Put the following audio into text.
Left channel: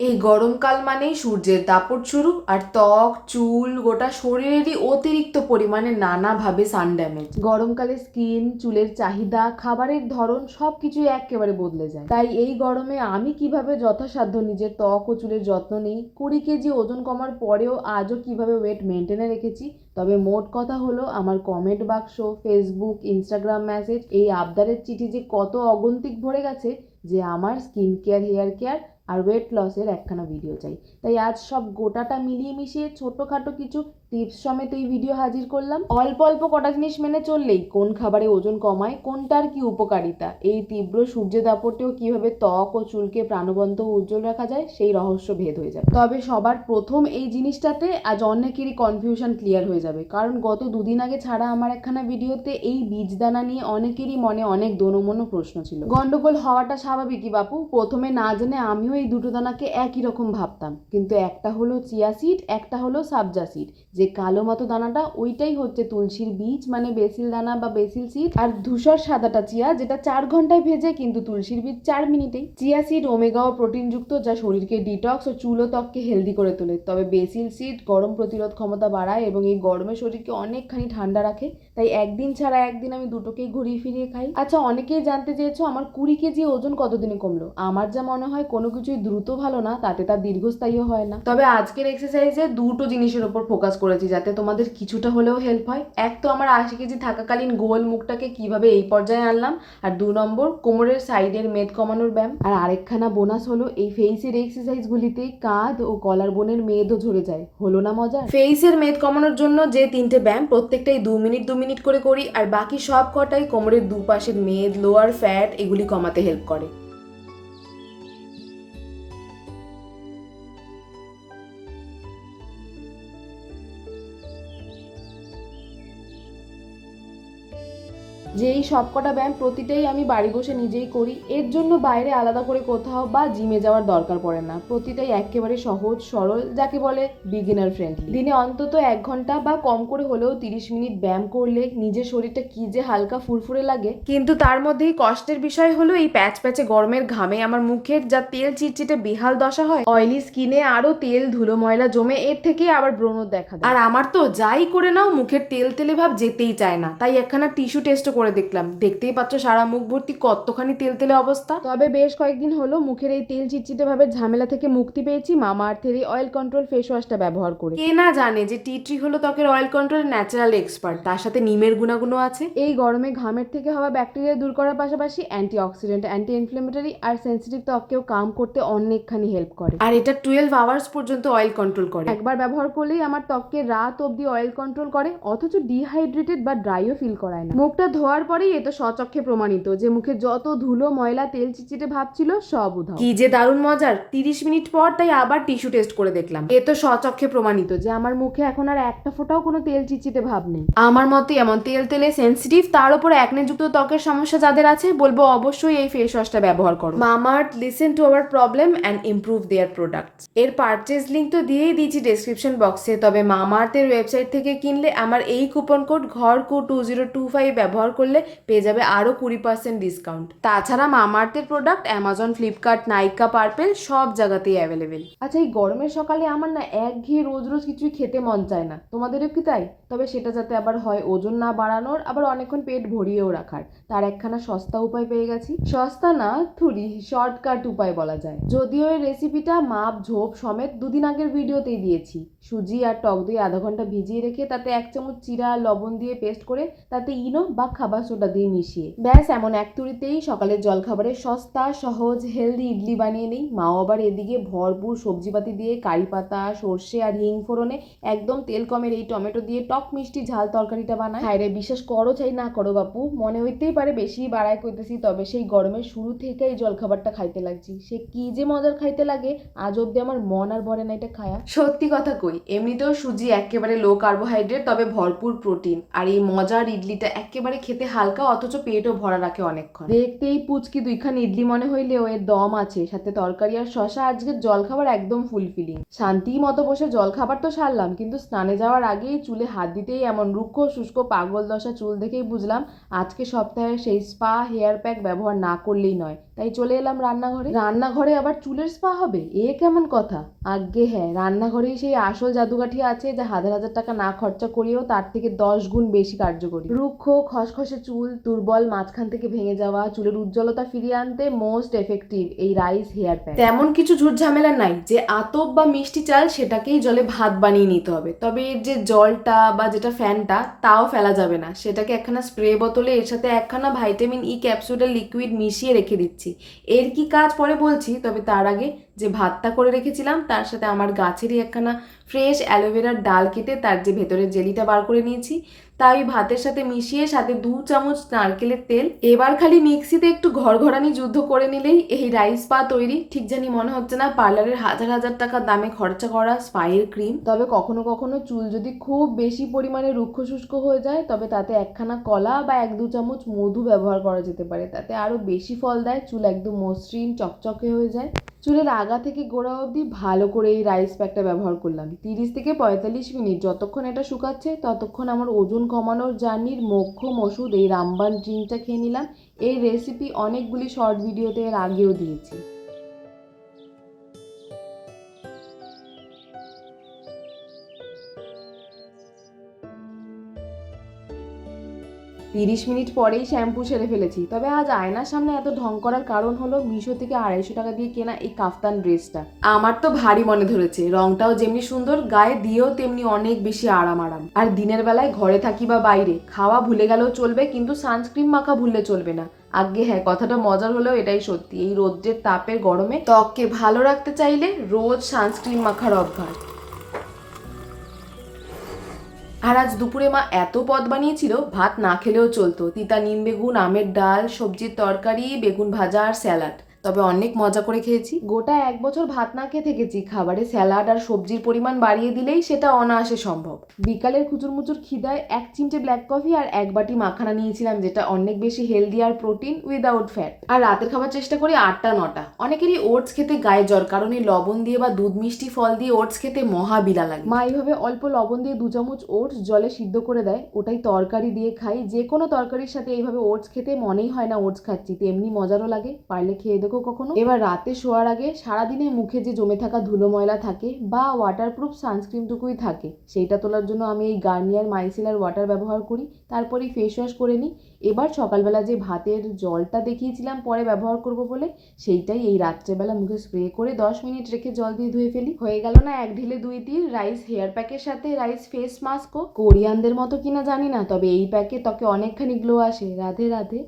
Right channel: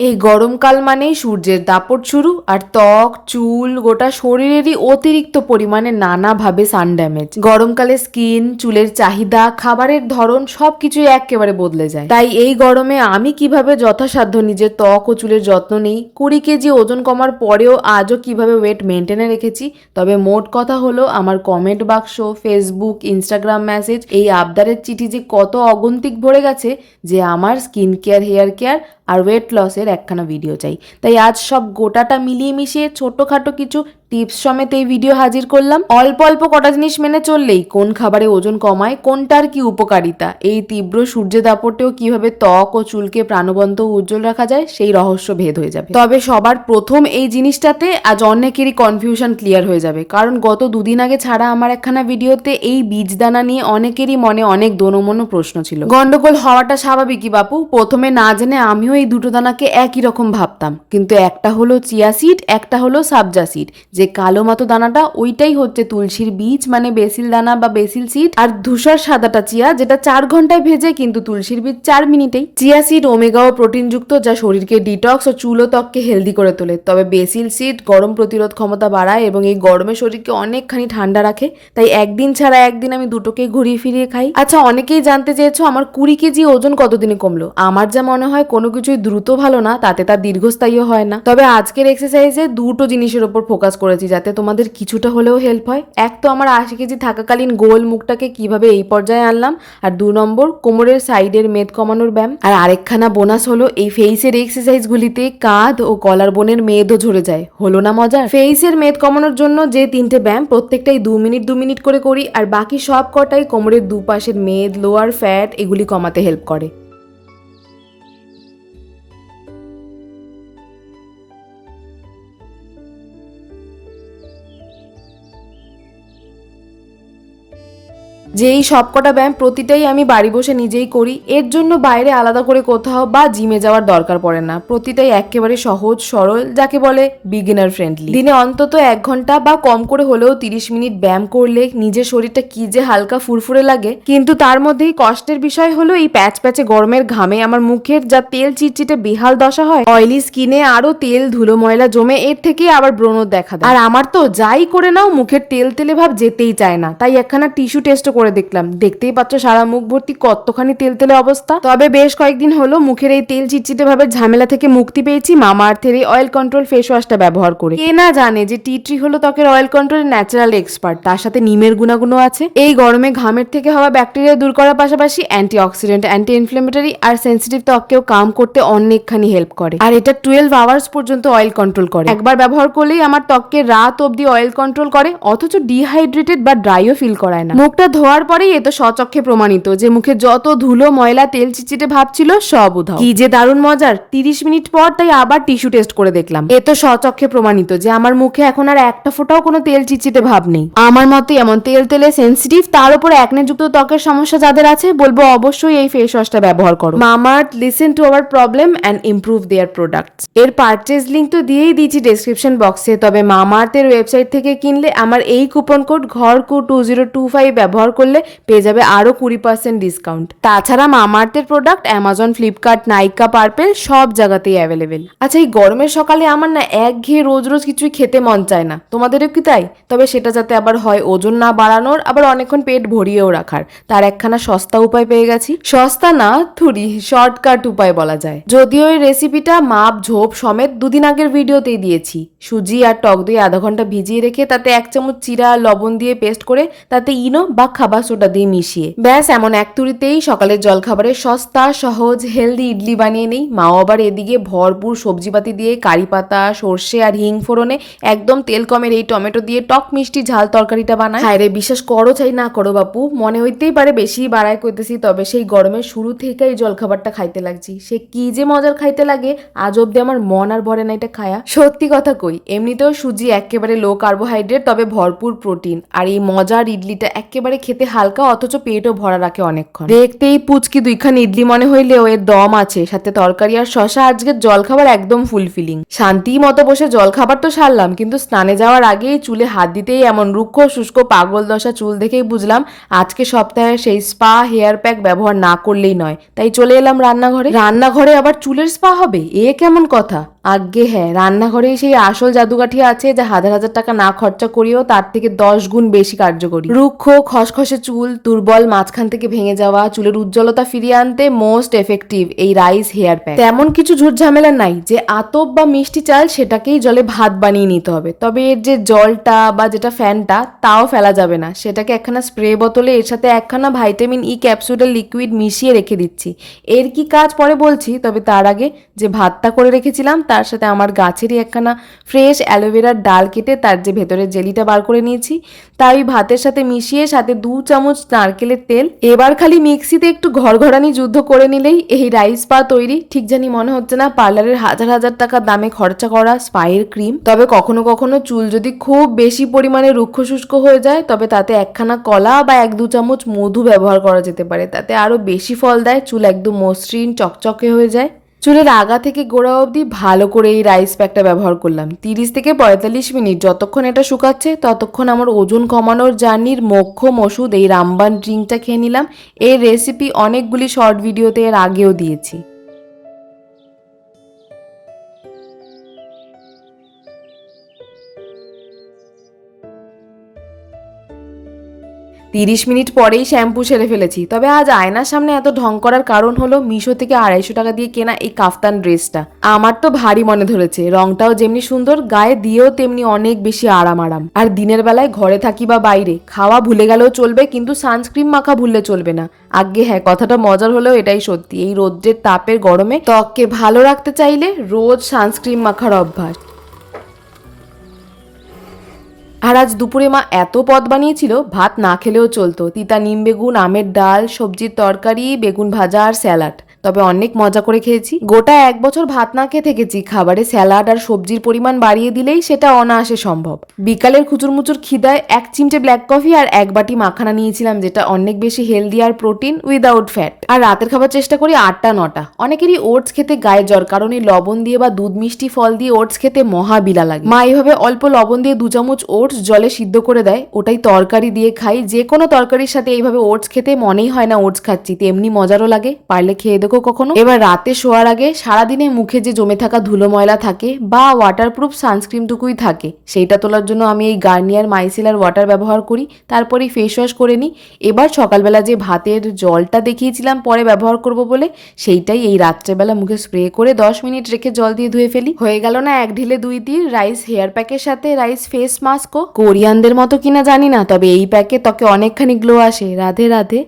এই গরমকাল মানেই সূর্যের দাপট শুরু আর ত্বক, চুল গোটা শরীরেরই অতিরিক্ত পরিমাণে নানাভাবে সান ড্যামেজ গরমকালে স্কিন চুলের চাহিদা, খাবারের ধরন সবকিছুই একেবারে বদলে যায়। তাই এই গরমে আমি কীভাবে যথাসাধ্য নিজের ত্বক ও চুলের যত্ন নেই, কুড়ি কেজি ওজন কমার পরেও আজও কীভাবে ওয়েট মেনটেনে রেখেছি, তবে মোট কথা হলো আমার কমেন্ট বাক্স ফেসবুক ইনস্টাগ্রাম মেসেজ এই আবদারের চিঠি যে কত অগন্তিক ভরে গেছে যে আমার স্কিন কেয়ার হেয়ার কেয়ার আর ওয়েট লসের একখানা ভিডিও চাই। তাই আজ সব গোটাটা মিলিয়ে মিশিয়ে ছোটোখাটো কিছু টিপস সমেত এই ভিডিও হাজির করলাম। অল্প অল্প কটা জিনিস মেনে চললেই কোন খাবারে ওজন কমায়, কোনটার কি উপকারিতা, এই তীব্র সূর্যের দাপটেও কীভাবে ত্বক ও চুলকে প্রাণবন্ত উজ্জ্বল রাখা যায়, সেই রহস্য ভেদ হয়ে যাবে। তবে সবার প্রথম এই জিনিসটাতে আজ অনেকেরই কনফিউশন ক্লিয়ার হয়ে যাবে। কারণ গত দুদিন আগে ছাড়া আমার একখানা ভিডিওতে এই বীজদানা নিয়ে অনেকেরই মনে অনেক দোনমনো প্রশ্ন ছিল। গন্ডগোল হওয়াটা স্বাভাবিকই বাপু, প্রথমে না জেনে আমিও এই দুটো দানাকে একই রকম ভাবতাম। কিন্তু একটা হলো চিয়া সিড একটা হলো সাবজা সিড যে কালো মতো দানাটা, ওইটাই হচ্ছে তুলসীর বীজ মানে বেসিল দানা বা বেসিল সিড আর ধূসর সাদাটা চিয়া, যেটা চার ঘন্টায় ভেজে কিন্তু তুলসীর বীজ চার মিনিটেই। চিয়া সিড ওমেগা ও প্রোটিনযুক্ত যা শরীরকে ডিটক্স ও চুল ত্বককে হেলদি করে তোলে। তবে বেসিল সিড গরম প্রতিরোধ ক্ষমতা বাড়ায় এবং এই গরমে শরীরকে অনেকখানি ঠান্ডা রাখে। তাই একদিন ছাড়া একদিন আমি দুটোকে ঘুরিয়ে ফিরিয়ে খাই। আচ্ছা অনেকেই জানতে চেয়েছো আমার কুড়ি কেজি ওজন কতদিনে কমলো? আমার যা মনে হয় কোনো কিছুই দ্রুত ভালো না, তাতে তার দীর্ঘস্থায়ীও হয় না। তবে আজকের এক্সারসাইজে দুটো জিনিসের ওপর ফোকাস করেছি যাতে তোমাদের কিছুটা হলেও হেল্প হয়। এক তো আমার আশি কেজি থাকাকালীন গোল মুখটাকে কীভাবে এই পর্যায়ে আনলাম, আর দু নম্বর কোমরের সাইডের মেদ কমানোর ব্যায়াম, আর আরেকখানা বোনাস হলো এই ফেসের এক্সারসাইজগুলিতে কাঁধ ও কলার বোনের মেদও ঝরে যায়। হলো না মজা ফেসের মেদ কমানোর জন্য যে তিনটে ব্যায়াম প্রত্যেকটাই দু মিনিট দু মিনিট করে করি, আর বাকি সব কটাই কোমরের দুপাশের মেদ লোয়ার ফ্যাট এগুলি কমাতে হেল্প করে। যে এই সবকটা ব্যায়াম প্রতিটাই আমি বাড়ি বসে নিজেই করি, এর জন্য বাইরে আলাদা করে কোথাও বা জিমে যাওয়ার দরকার পড়ে না। প্রতিটাই একেবারে সহজ, সরল, যাকে বলে বিগিনার ফ্রেন্ডলি দিনে অন্তত এক ঘণ্টা বা কম করে হলেও তিরিশ মিনিট ব্যায়াম করলে নিজের শরীরটা কি যে হালকা ফুরফুরে লাগে, কিন্তু তার মধ্যেই কষ্টের বিষয় হলো এই প্যাচ প্যাচে গরমের ঘামে আমার মুখের যা তেল চিটচিটে বেহাল দশা হয় অয়েলি স্কিনে আরও তেল, ধুলো, ময়লা জমে এর থেকে আবার ব্রণ দেখা দেয়। আর আমার তো যাই করে নাও, মুখের তেল তেলে ভাব যেতেই চায় না, তাই একখানা টিস্যু টেস্ট করে দেখলাম। দেখতেই পাচ্ছ সারা মুখ ভর্তি কতখানি তেল তেলে অবস্থা। তবে বেশ কয়েকদিন হলো মুখের এই তেল চিটচিটে ভাবে ঝামেলা থেকে মুক্তি পেয়েছি। মামা আর্থের এই অয়েল কন্ট্রোল ফেস ওয়াশটা ব্যবহার করে। কে না জানে যে টি ট্রি হলো ত্বকের অয়েল কন্ট্রোল ন্যাচারাল এক্সপার্ট তার সাথে নিমের গুণাগুণও আছে। এই গরমে ঘামের থেকে হওয়া ব্যাকটেরিয়া দূর করার পাশাপাশি অ্যান্টি অক্সিডেন্ট অ্যান্টি ইনফ্লেমেটরি আর সেন্সিটিভ ত্বককেও কাম করতে অনেকখানি হেল্প করে। আর এটা টুয়েলভ আওয়ার্স পর্যন্ত অয়েল কন্ট্রোল করে। একবার ব্যবহার করলেই আমার ত্বককে রাত অবধি অয়েল কন্ট্রোল করে, অথচ ডিহাইড্রেটেড বা ড্রাইও ফিল করায় না। মুখটা ধোয়ার পরেই এ তো সচক্ষে প্রমাণিত যে মুখে যত ধুলো ময়লা তেল চিচিটে ভাব ছিল সব উধাও। কি যে দারুণ মজার তিরিশ মিনিট পর তাই আবার টিস্যু টেস্ট করে দেখলাম। এ তো সচক্ষে প্রমাণিত যে আমার মুখে এখন আর একটা ফোঁটাও কোনো তেল চিচিটে ভাব নেই। আমার মতে এমন তেল তেলে সেন্সিটিভ তার উপর যুক্ত ত্বকের সমস্যা যাদের আছে বলব অবশ্যই এই ফেস ওয়াশটা ব্যবহার করো। Mamaearth listen to our problem and improve their products এর পারচেজ লিঙ্ক তো দিয়েই দিয়েছি ডেসক্রিপশন বক্সে তবে মামার্থের ওয়েবসাইট থেকে কিনলে আমার এই কুপন কোড ঘর ঘরকু টু জিরো টু ফাইভ ব্যবহার করলে পেয়ে যাবে আরও কুড়ি পার্সেন্ট ডিসকাউন্ট তাছাড়া মামার্থের product Amazon Flipkart Nykaa Purplle সব জায়গাতেই অ্যাভেলেবেল আচ্ছা এই গরমের সকালে আমার না এক ঘেয়ে রোজ রোজ কিছুই খেতে মন চায় না। তোমাদেরও কি তাই? তবে সেটা যাতে আবার হয় ওজন না বাড়ানোর, আবার অনেকক্ষণ পেট ভরিয়েও রাখার। তার একখানা সস্তা উপায় পেয়ে গেছি। সস্তা না, থুরি শর্টকাট উপায় বলা যায়। যদিও এই রেসিপিটা মাপ, ঝোপ সমেত দুদিন আগের ভিডিওতেই দিয়েছি। সুজি আর টক দই আধা ঘণ্টা ভিজিয়ে রেখে তাতে এক চামচ চিরা, লবণ দিয়ে পেস্ট করে তাতে ইনো বা খাবার সোডা দিয়ে মিশিয়ে। ব্যাস, এমন এক তুড়িতেই সকালের জলখাবারের সস্তা, সহজ হেলদি ইডলি বানিয়ে নেই। মাও আবার এদিকে ভরপুর সবজিপাতি দিয়ে কারি পাতা, সর্ষে আর হিং ফোড়নে একদম তেল কমের এই টমেটো দিয়ে টক মিষ্টি ঝাল তরকারিটা বানায়। হায় রে, বিশ্বাস করো চাই না করো বাপু। মনে হইতেই পারে বেশি বাড়ায় করতেছি তবে সেই গরমের শুরু থেকে এই জলখাবারটা খাইতে লাগছি। সে কি যে মজার খাইতে লাগে, আজ অব্দি আমার মন আর ভরে না এটা খায়া। সত্যি কথা কই, এমনিতেও সুজি একেবারে লো কার্বোহাইড্রেট তবে ভরপুর প্রোটিন আর এই মজার ইডলিটা একেবারে খেতে খেতে হালকা অথচ পেটও ভরা রাখে অনেকক্ষণ। দেখতেই পুচকি দুইখান ইডলি মনে হইলেও এর দম আছে, সাথে তরকারি আর শশা আজকের জলখাবার একদম ফুলফিলিং শান্তি মতো বসে জলখাবার তো সারলাম, কিন্তু স্নানে যাওয়ার আগেই চুলে হাত দিতেই এমন রুক্ষ, শুষ্ক, পাগল দশা চুল দেখেই বুঝলাম, আজকে সপ্তাহে সেই স্পা হেয়ার প্যাক ব্যবহার না করলেই নয়। তাই চলে এলাম রান্নাঘরে। রান্নাঘরে আবার চুলের স্পা হবে? এ কেমন কথা? আজ্ঞে হ্যাঁ রান্নাঘরেই সেই আসল জাদুকাঠি আছে, যা হাজার হাজার টাকা না খরচা করিও তার থেকে দশ গুণ বেশি কার্যকরী। রুক্ষ, খসখসে চুল দুর্বল, মাঝখান থেকে ভেঙে যাওয়া, চুলের উজ্জ্বলতা ফিরিয়ে আনতে মোস্ট এফেক্টিভ এই রাইস হেয়ার প্যাক তেমন কিছু ঝামেলা নাই, যে আতপ বা মিষ্টি চাল সেটাকেই জলে ভাত বানিয়ে নিতে হবে। তবে এর যে জলটা বা যেটা ফ্যানটা, তাও ফেলা যাবে না। সেটাকে একখানা স্প্রে বোতলে, এর সাথে একখানা ভাইটামিন ই ক্যাপসুলের লিকুইড মিশিয়ে রেখে দিচ্ছি। এর কি কাজ পরে বলছি, তবে তার আগে যে ভাতটা করে রেখেছিলাম, তার সাথে আমার গাছেরই একখানা ফ্রেশ অ্যালোভেরার ডাল কেটে তার যে ভেতরের জেলিটা বার করে নিয়েছি। তাই ভাতের সাথে মিশিয়ে সাথে দু চামচ নারকেলের তেল। এবার খালি মিক্সিতে একটু ঘরঘরানি যুদ্ধ করে নিলেই এই রাইস পা তৈরি। ঠিক জানি মনে হচ্ছে না পার্লারের হাজার হাজার টাকা দামে খরচা করা স্পাইয়ের ক্রিম। তবে কখনো কখনো চুল যদি খুব বেশি পরিমাণে রুক্ষ শুষ্ক হয়ে যায়, তবে তাতে একখানা কলা বা এক দু চামচ মধু ব্যবহার করা যেতে পারে। তাতে আরও বেশি ফল দেয়, চুল একদম মসৃণ, চকচকে হয়ে যায়। চুলের আগা থেকে গোড়া অবধি ভালো করে এই রাইস প্যাকটা ব্যবহার করলাম। তিরিশ থেকে পঁয়তাল্লিশ মিনিট, যতক্ষণ এটা শুকাচ্ছে, ততক্ষণ আমার ওজন কমানোর জার্নির মক্ষম ওষুধ এই রামবান ড্রিঙ্কটা খেয়ে নিলাম। এই রেসিপি অনেকগুলি শর্ট ভিডিওতে এর আগেও দিয়েছি। তিরিশ মিনিট পরেই শ্যাম্পু সেরে ফেলেছি। তবে আজ আয়নার সামনে এত ঢং করার কারণ হলো মিশো থেকে আড়াইশো টাকা দিয়ে কেনা এই কাফতান ড্রেসটা। আমার তো ভারী মনে ধরেছে। রংটাও যেমনি সুন্দর, গায়ে দিয়েও তেমনি অনেক বেশি আরাম আরাম আর দিনের বেলায় ঘরে থাকি বা বাইরে, খাওয়া ভুলে গেলেও চলবে কিন্তু সানস্ক্রিন মাখা ভুললে চলবে না। আগে হ্যাঁ কথাটা মজার হলেও এটাই সত্যি। এই রোদ্রের তাপের গরমে ত্বককে ভালো রাখতে চাইলে রোজ সানস্ক্রিন মাখার অভ্যাস। আর আজ দুপুরে মা এত পদ বানিয়েছিল, ভাত না খেলেও চলতো। তিতা নিম বেগুন, আমের ডাল, সবজির তরকারি, বেগুন ভাজা আর স্যালাড। তবে অনেক মজা করে খেয়েছি। গোটা এক বছর ভাত না খেয়ে থেকেছি। খাবারে স্যালাড আর সবজির পরিমাণ বাড়িয়ে দিলেই সেটা অনায়াসে সম্ভব। বিকালের খুচুরমুচুর খিদায় এক চিমটে ব্ল্যাক কফি আর এক বাটি মাখানা নিয়েছিলাম, যেটা অনেক বেশি হেলদি আর প্রোটিন উইদাউট ফ্যাট আর রাতের খাবার চেষ্টা করি আটটা, নটা। অনেকেরই ওটস খেতে গায়ে জ্বর, কারণ এই লবণ দিয়ে বা দুধ মিষ্টি ফল দিয়ে ওটস খেতে মহা বিলা লাগে। মা এইভাবে অল্প লবণ দিয়ে দু চামচ ওটস জলে সিদ্ধ করে দেয়। ওটাই তরকারি দিয়ে খাই। যে কোনো তরকারির সাথে এইভাবে ওটস খেতে মনেই হয় না ওটস খাচ্ছি। তেমনি মজারও লাগে, পারলে খেয়ে দেখো কখনো? এবার রাতে শোয়ার আগে সারাদিনে মুখে যে জমে থাকা ধুলো ময়লা থাকে বা ওয়াটারপ্রুফ সানস্ক্রিনটুকুই থাকে, সেইটা তোলার জন্য আমি এই গার্নিয়ার মাইসেলার ওয়াটার ব্যবহার করি, তারপরে ফেস ওয়াশ করে নিই। এবার সকালবেলা যে ভাতের জলটা দেখিয়েছিলাম পরে ব্যবহার করব বলে, সেইটাই এই রাত্রেবেলা মুখে স্প্রে করে দশ মিনিট রেখে জল দিয়ে ধুয়ে ফেলি। হয়ে গেল না এক ঢিলে দুই তীর রাইস হেয়ার প্যাকের সাথে রাইস ফেস মাস্কও কোরিয়ানদের মতো কিনা জানি না, তবে এই প্যাকে ত্বকে অনেকখানি গ্লো আসে। রাধে রাধে।